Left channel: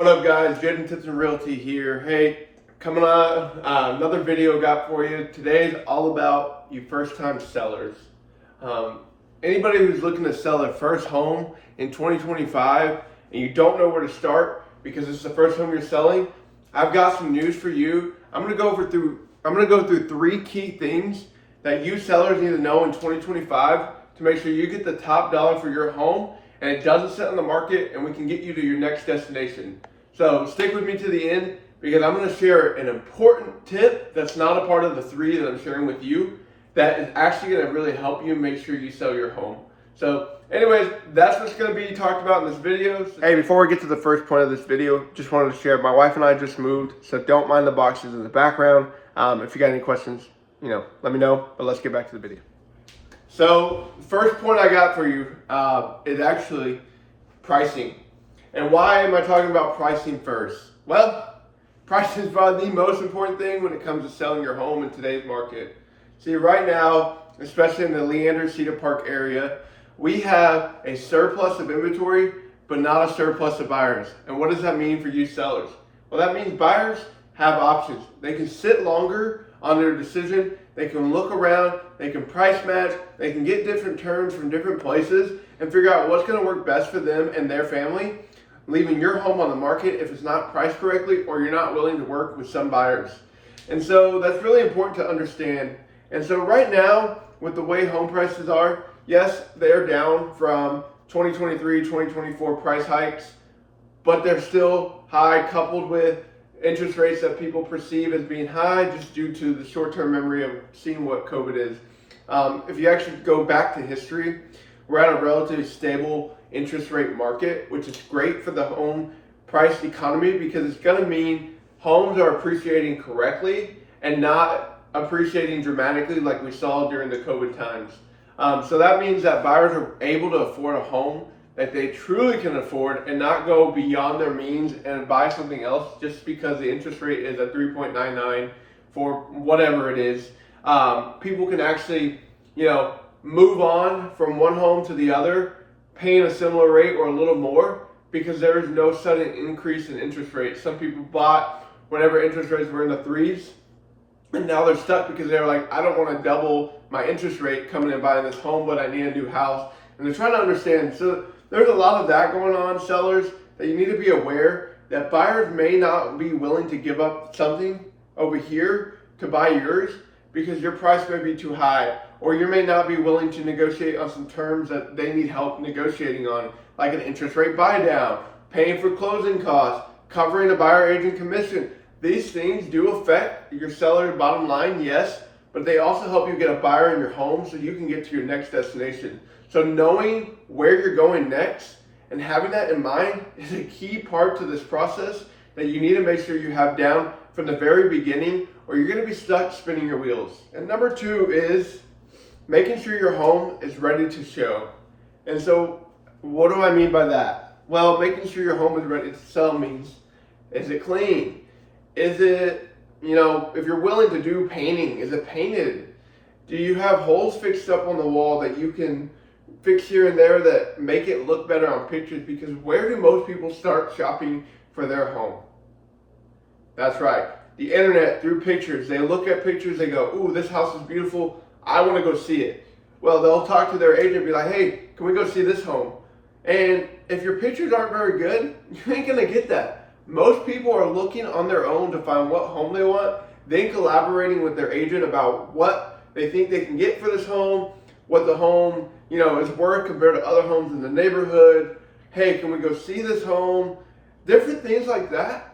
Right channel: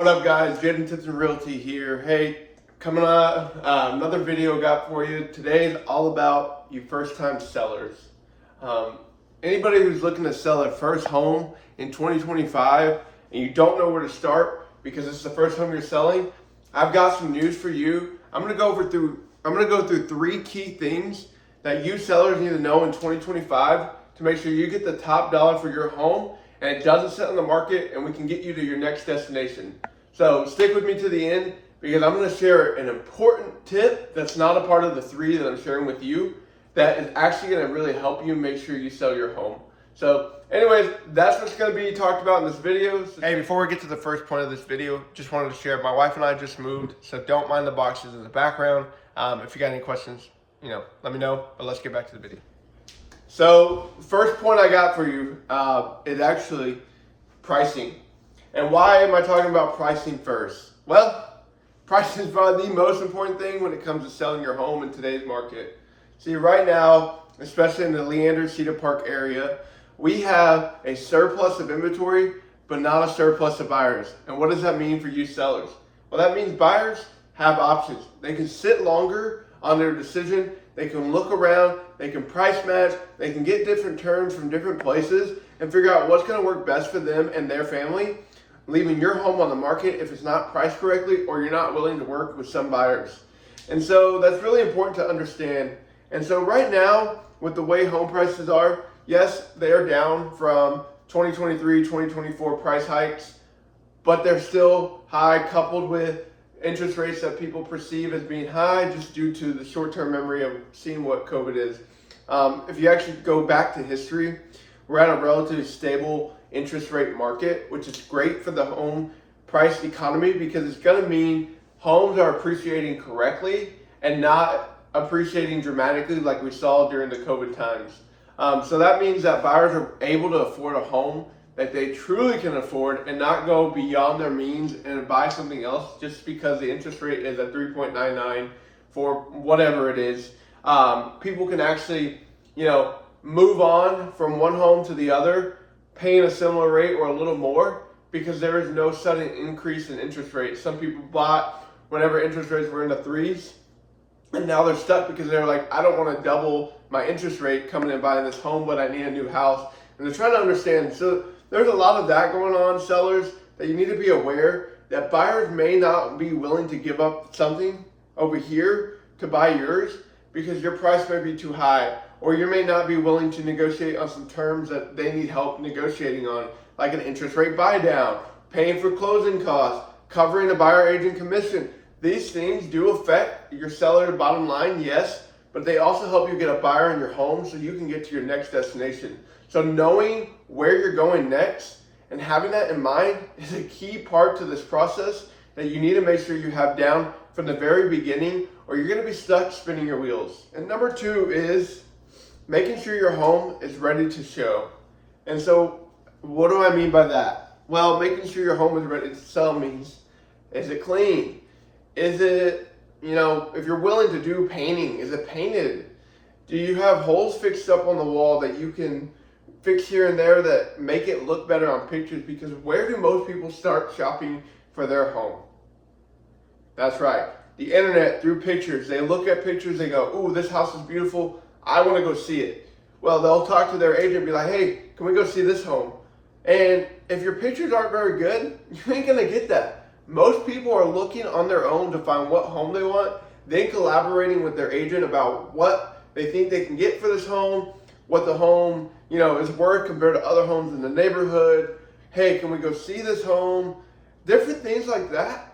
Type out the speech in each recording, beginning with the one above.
What up guys, Jaden, Tipton Realty here. Hey, coming on another video got for you. Today is all about you first time sellers. Anybody who's looking to sell their first home in 2025 and you don't know where to start because it's the first home you're selling, I've got some news for you. I'm gonna go through 3 key things that you sellers need to know in 2025 to make sure you get the top dollar for your home and it doesn't sit on the market and we can get you to your next destination. So stick with me to the end because I'm going to share an important tip that's not a part of the 3 that I'm sharing with you that is actually going to really help you make sure you sell your home. So anyways, that's what's going to be talked about in this video. Hey, before we get to the first point of this video, just wanted to share my wife and I just moved, so don't mind the boxes in the background. If you got any questions, let me know, but let's get back to the video. So the first point I got for you is actually pricing. And why am I talking about pricing first? Well, pricing is probably the most important thing when it comes to selling your home in today's market. See, right now, especially in the Leander, Cedar Park area, we have a surplus of inventory, but not a surplus of buyers. And what does that mean for you sellers? Well, that means buyers have options. They can sit longer on their decision. They can look around, they can price match, they can get different terms from different places and figure out what's going to work best for them and their family, leaving your home on the market if it's not priced correctly or you're not willing to work with some buyers. And so that's really important to understand. And so right now, with the way home prices are, yes, they are down from 2023, 2024 price hikes, but they're still high, coupled with interest rates that people perceive as being high just due to the short-term memory of seeing what COVID is. If you actually go back to history, we're at a relatively stable interest rate market, which is great for the home price economy because it's going to mean homes are appreciating correctly and not appreciating dramatically like we saw during the COVID times. So that means that buyers are able to afford a home that they truly can afford and not go beyond their means and buy something else just because the interest rate is at 3.99 for whatever it is. People can actually, move on from one home to the other, paying a similar rate or a little more because there is no sudden increase in interest rates. Some people bought whenever interest rates were in the 3s and now they're stuck because they're like, I don't want to double my interest rate coming and buying this home, but I need a new house. And they're trying to understand. So there's a lot of that going on, sellers, that you need to be aware that buyers may not be willing to give up something over here to buy yours because your price may be too high, or you may not be willing to negotiate on some terms that they need help negotiating on, like an interest rate buy down, paying for closing costs, covering a buyer agent commission. These things do affect your seller's bottom line, yes, but they also help you get a buyer in your home so you can get to your next destination. So knowing where you're going next and having that in mind is a key part to this process that you need to make sure you have down from the very beginning, or you're going to be stuck spinning your wheels. And number 2 is making sure your home is ready to show. And so what do I mean by that? Well, making sure your home is ready to sell means, is it clean? Is it, if you're willing to do painting, is it painted? Do you have holes fixed up on the wall that you can fix here and there that make it look better on pictures? Because where do most people start shopping for their home? That's right, the internet, through pictures. They look at pictures, they go, ooh, this house is beautiful, I want to go see it. Well, they'll talk to their agent and be like, hey, can we go see this home? And if your pictures aren't very good, you ain't gonna get that. Most people are looking on their own to find what home they want, then collaborating with their agent about what they think they can get for this home, what the home, is worth compared to other homes in the neighborhood. Hey, can we go see this home? Different things like that,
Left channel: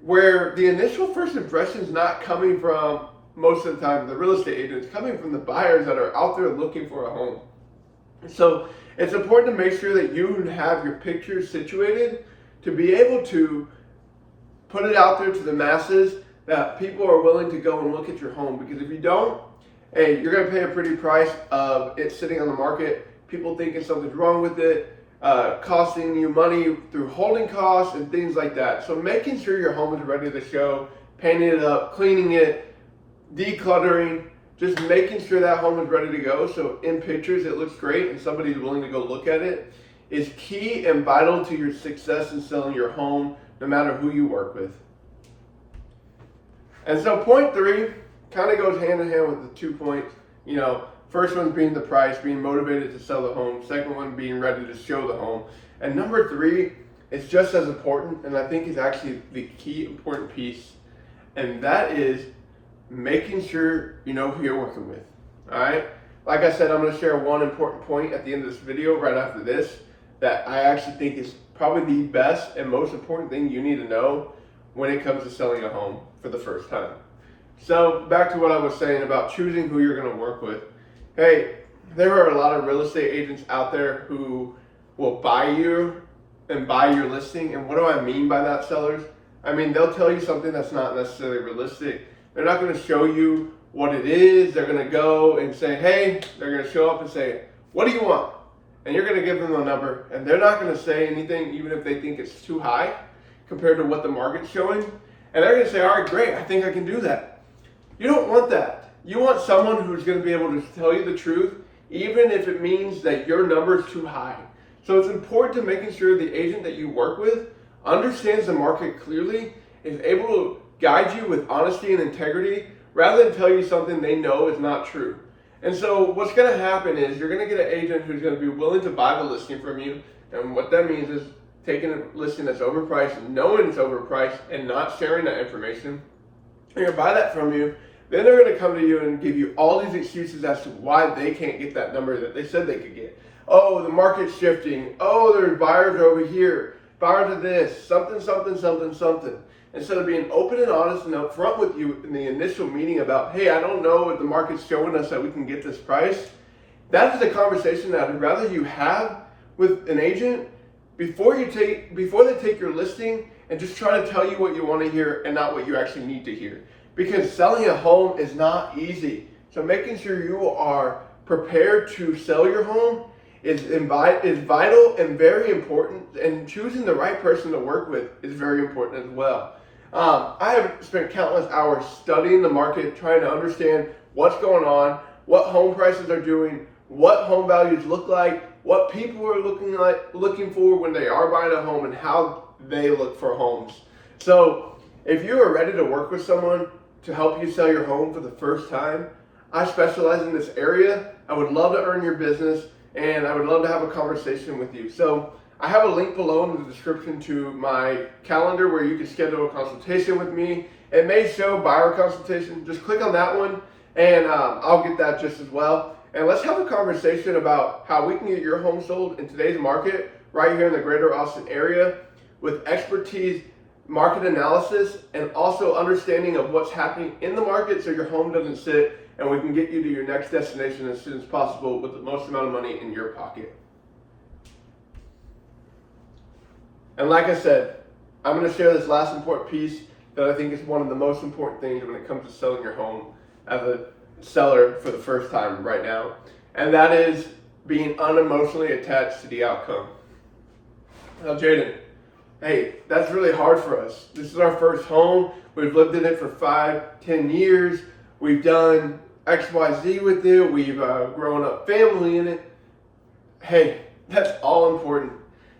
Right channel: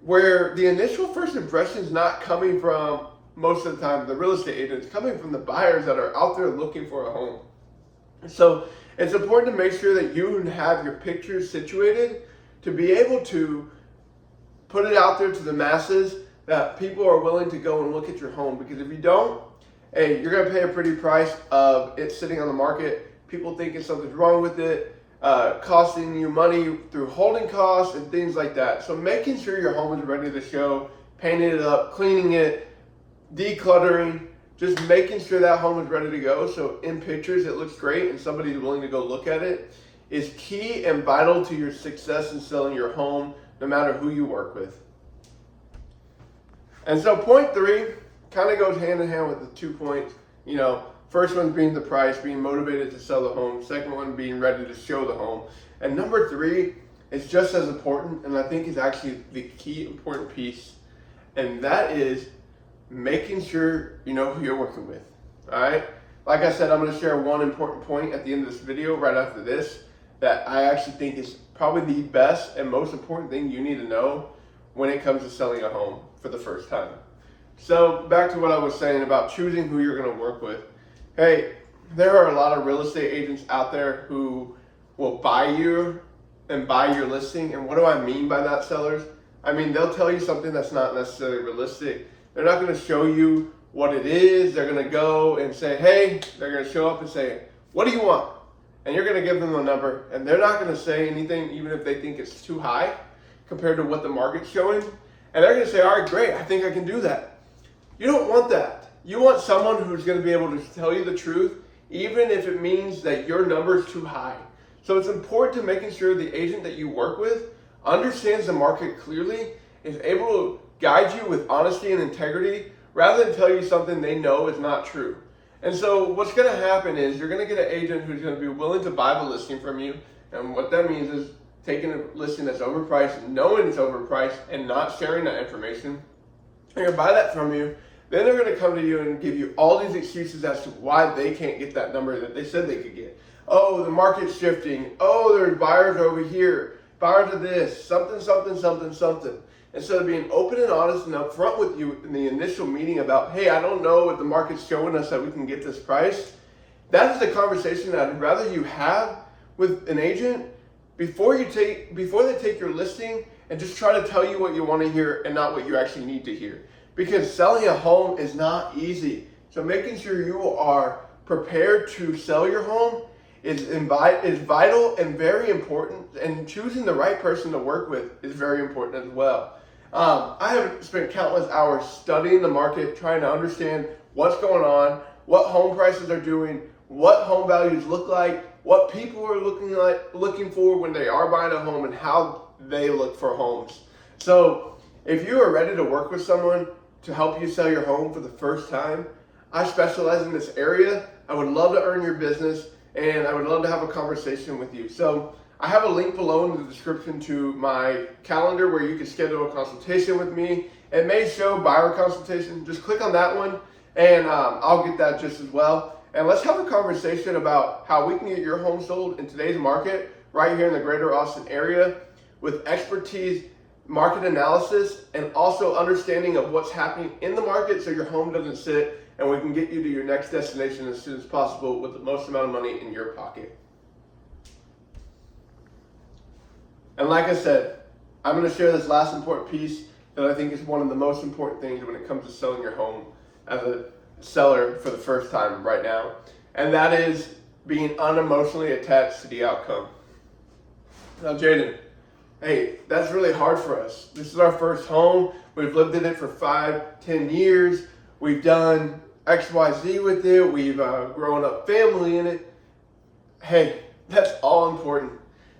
where the initial first impression is not coming from, most of the time, the real estate agents, coming from the buyers that are out there looking for a home. So it's important to make sure that you have your pictures situated to be able to put it out there to the masses that people are willing to go and look at your home. Because if you don't, hey, you're going to pay a pretty price of it sitting on the market, people thinking something's wrong with it, costing you money through holding costs and things like that. So making sure your home is ready to show, painting it up, cleaning it, decluttering, just making sure that home is ready to go. So in pictures it looks great and somebody's willing to go look at it is key and vital to your success in selling your home no matter who you work with. And so point 3 kind of goes hand in hand with the 2 points. First one being the price, being motivated to sell the home. Second one being ready to show the home. And number 3 is just as important, and I think is actually the key important piece, and that is making sure you know who you're working with. All right? Like I said, I'm going to share one important point at the end of this video right after this that I actually think is probably the best and most important thing you need to know when it comes to selling a home for the first time. So back to what I was saying about choosing who you're going to work with. Hey, there are a lot of real estate agents out there who will buy you and buy your listing. And what do I mean by that, sellers? I mean, they'll tell you something that's not necessarily realistic. They're not going to show you what it is. They're going to go and say, hey, they're going to show up and say, what do you want? And you're going to give them a number, and they're not going to say anything even if they think it's too high compared to what the market's showing. And they're going to say, all right, great, I think I can do that. You don't want that. You want someone who's going to be able to tell you the truth, even if it means that your number is too high. So it's important to making sure the agent that you work with understands the market clearly, is able to guide you with honesty and integrity, rather than tell you something they know is not true. And so what's going to happen is you're going to get an agent who's going to be willing to buy the listing from you. And what that means is taking a listing that's overpriced, knowing it's overpriced, and not sharing that information. They're going to buy that from you. Then they're going to come to you and give you all these excuses as to why they can't get that number that they said they could get. Oh, the market's shifting. Oh, there's buyers over here. Buyers of this, something. Instead of being open and honest and upfront with you in the initial meeting about, hey, I don't know what the market's showing us that we can get this price. That is a conversation that I'd rather you have with an agent before they take your listing and just try to tell you what you want to hear and not what you actually need to hear. Because selling a home is not easy. So making sure you are prepared to sell your home is vital and very important. And choosing the right person to work with is very important as well. I have spent countless hours studying the market, trying to understand what's going on, what home prices are doing, what home values look like, what people are looking for when they are buying a home, and how they look for homes. So if you are ready to work with someone to help you sell your home for the first time, I specialize in this area. I would love to earn your business, and I would love to have a conversation with you. So I have a link below in the description to my calendar where you can schedule a consultation with me. It may show buyer consultation. Just click on that one, and I'll get that just as well. And let's have a conversation about how we can get your home sold in today's market right here in the greater Austin area with expertise, market analysis, and also understanding of what's happening in the market so your home doesn't sit, and we can get you to your next destination as soon as possible with the most amount of money in your pocket. And like I said, I'm going to share this last important piece that I think is one of the most important things when it comes to selling your home as a seller for the first time right now. And that is being unemotionally attached to the outcome. Now, Jaden, hey, that's really hard for us. This is our first home. We've lived in it for 5-10 years. We've done XYZ with it. We've grown up family in it. Hey, that's all important.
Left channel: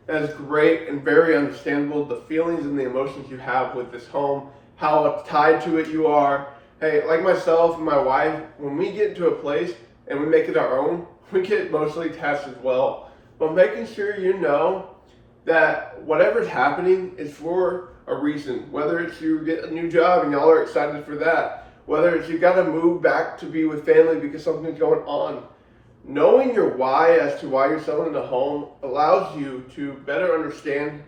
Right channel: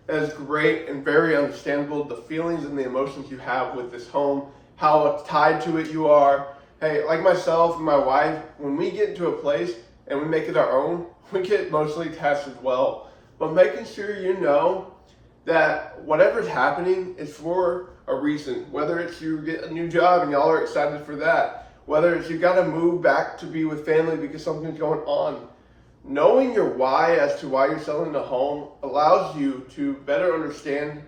That is great and very understandable. The feelings and the emotions you have with this home, how tied to it you are. Hey, like myself and my wife, when we get into a place and we make it our own, we get emotionally attached as well. But making sure you know that whatever's happening is for a reason. Whether it's you get a new job and y'all are excited for that. Whether it's you got to move back to be with family because something's going on. Knowing your why as to why you're selling a home allows you to better understand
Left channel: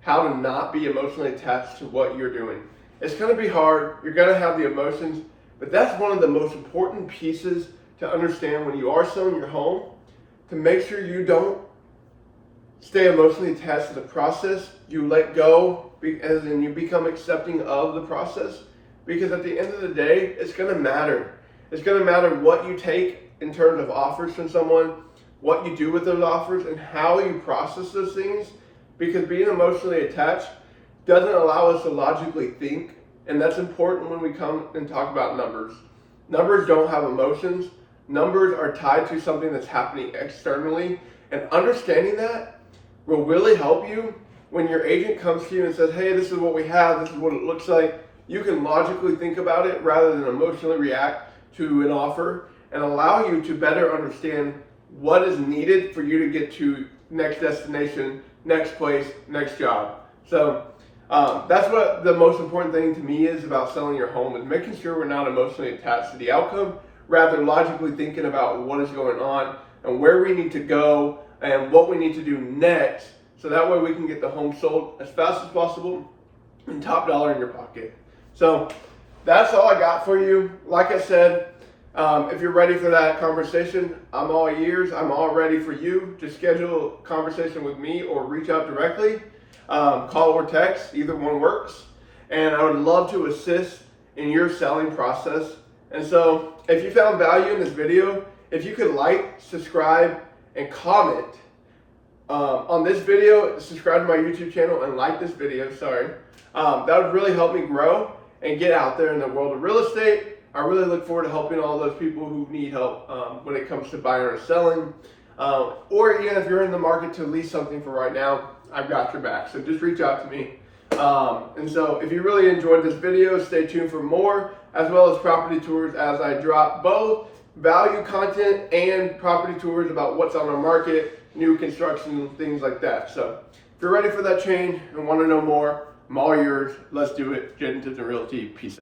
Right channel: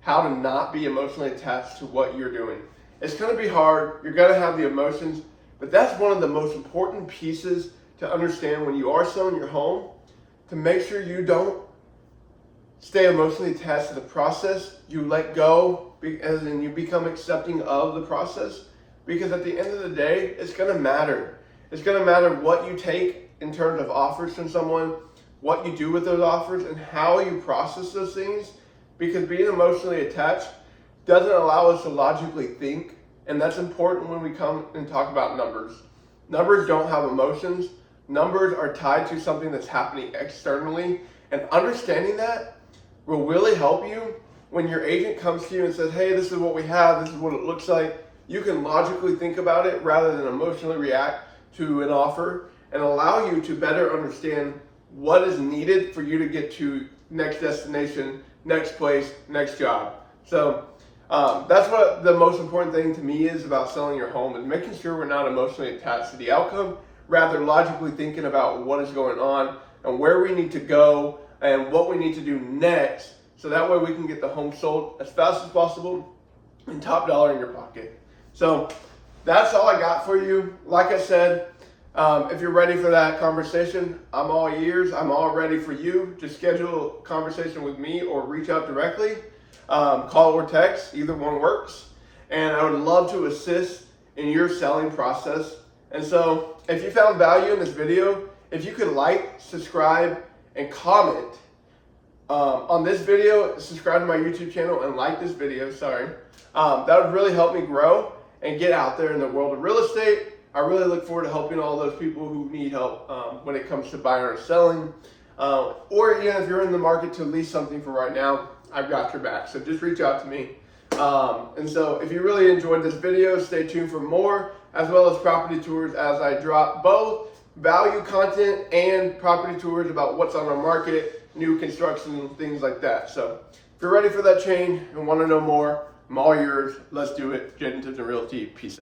how to not be emotionally attached to what you're doing. It's going to be hard. You're going to have the emotions, but that's one of the most important pieces to understand when you are selling your home, to make sure you don't stay emotionally attached to the process. You let go, as in you become accepting of the process, because at the end of the day, it's going to matter. It's going to matter what you take in terms of offers from someone, what you do with those offers, and how you process those things, because being emotionally attached doesn't allow us to logically think, and that's important when we come and talk about numbers. Numbers don't have emotions. Numbers are tied to something that's happening externally, and understanding that will really help you when your agent comes to you and says, hey, this is what we have, this is what it looks like, you can logically think about it rather than emotionally react to an offer, and allow you to better understand what is needed for you to get to next destination, next place, next job. So that's what the most important thing to me is about selling your home, is making sure we're not emotionally attached to the outcome, rather logically thinking about what is going on and where we need to go and what we need to do next, so that way we can get the home sold as fast as possible and top dollar in your pocket. So that's all I got for you. Like I said, if you're ready for that conversation, I'm all ears. I'm all ready for you to schedule a conversation with me or reach out directly. Call or text, either one works. And I would love to assist in your selling process. And so if you found value in this video, if you could like, subscribe, and comment on this video, subscribe to my YouTube channel and like this video, that would really help me grow and get out there in the world of real estate. I really look forward to helping all those people who need help when it comes to buying or selling. Or even if you're in the market to lease something for right now, I've got your back. So just reach out to me. And so if you really enjoyed this video, stay tuned for more, as well as property tours, as I drop both value content and property tours about what's on the market, new construction, things like that. So if you're ready for that change and want to know more, I'm all yours. Let's do it. Jaden, Tipton Realty. Peace out.